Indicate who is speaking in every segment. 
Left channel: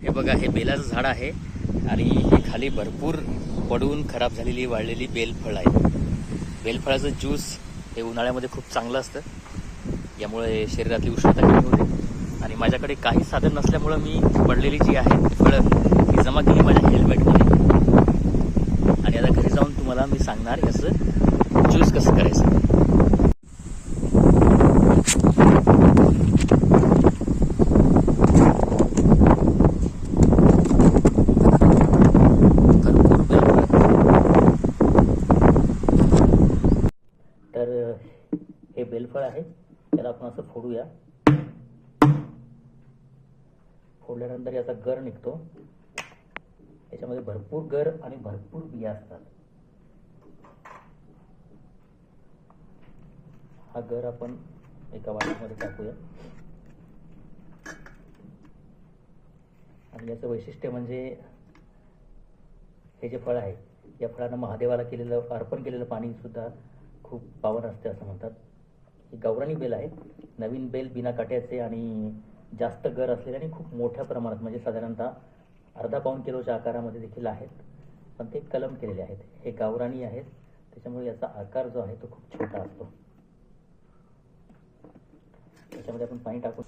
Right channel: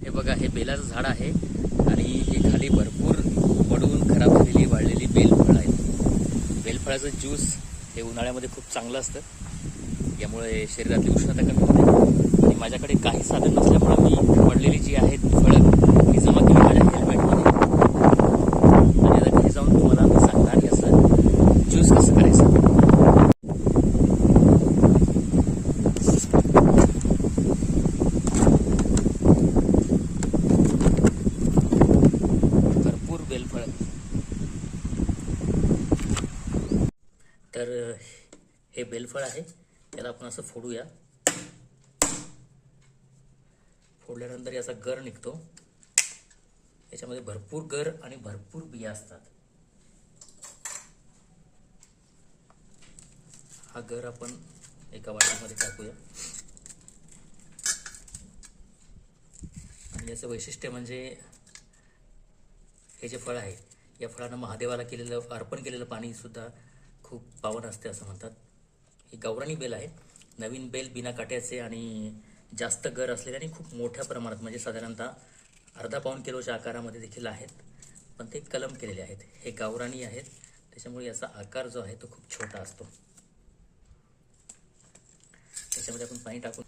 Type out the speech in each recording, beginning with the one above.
Speaker 1: हे बघा हे बेलाचं झाड आहे आणि हे खाली भरपूर पडून खराब झालेली वाळलेली बेलफळ आहे. बेलफळाचं ज्यूस हे उन्हाळ्यामध्ये खूप चांगलं असतं. यामुळे शरीरातली उष्णता आणि माझ्याकडे काही साधन नसल्यामुळं मी पडलेली जी आहे फळं तर हे बेलफळ आहे. त्याला आपण असं फोडूया. फोडल्यानंतर याचा गर निघतो. याच्यामध्ये भरपूर गर आणि भरपूर बिया असतात. हा गर आपण एका वाटीमध्ये टाकूया. आणि याचं वैशिष्ट्य म्हणजे हे जे फळ आहे या फळानं महादेवाला केलेलं अर्पण केलेलं पाणी सुद्धा खूप पावन असते असं म्हणतात. ही गावरानी बेल आहे नवीन बेल बिना काट्याचे आणि जास्त गर असलेले आणि खूप मोठ्या प्रमाणात म्हणजे साधारणतः अर्धा पाऊण किलोच्या आकारामध्ये देखील आहेत. पण ते कलम केलेले आहेत. हे गावरानी आहेत. त्याच्यामुळे याचा आकार जो आहे तो खूप छोटा असतो. त्याच्यामध्ये आपण पाणी टाकून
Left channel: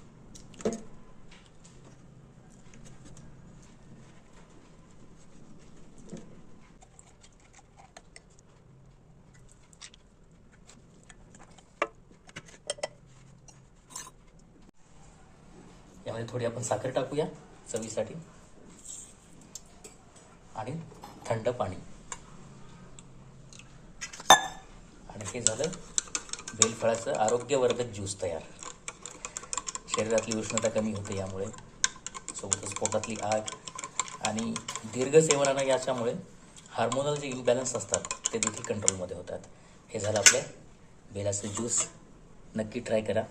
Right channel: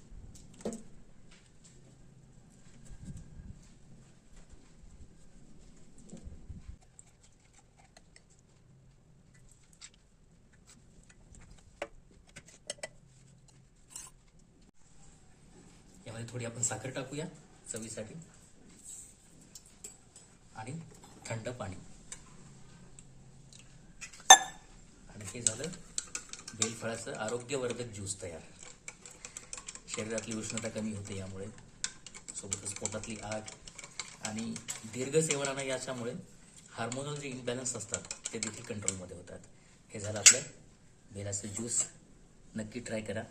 Speaker 1: त्यामध्ये थोडी आपण साखर टाकूया चवीसाठी. आणि थंड पाणी. आणि हे झालं बेलफळाचं आरोग्यवर्धक ज्यूस तयार. शरीरातली उष्णता कमी होते यामुळे सोबतच पोटातली आग आणि दीर्घ सेवनानं याच्यामुळे हार्मोनल जे इम्बॅलन्स असतात ते देखील कंट्रोलमध्ये होतात. हे झालं आपलं बेलाचं ज्यूस. नक्की ट्राय करा.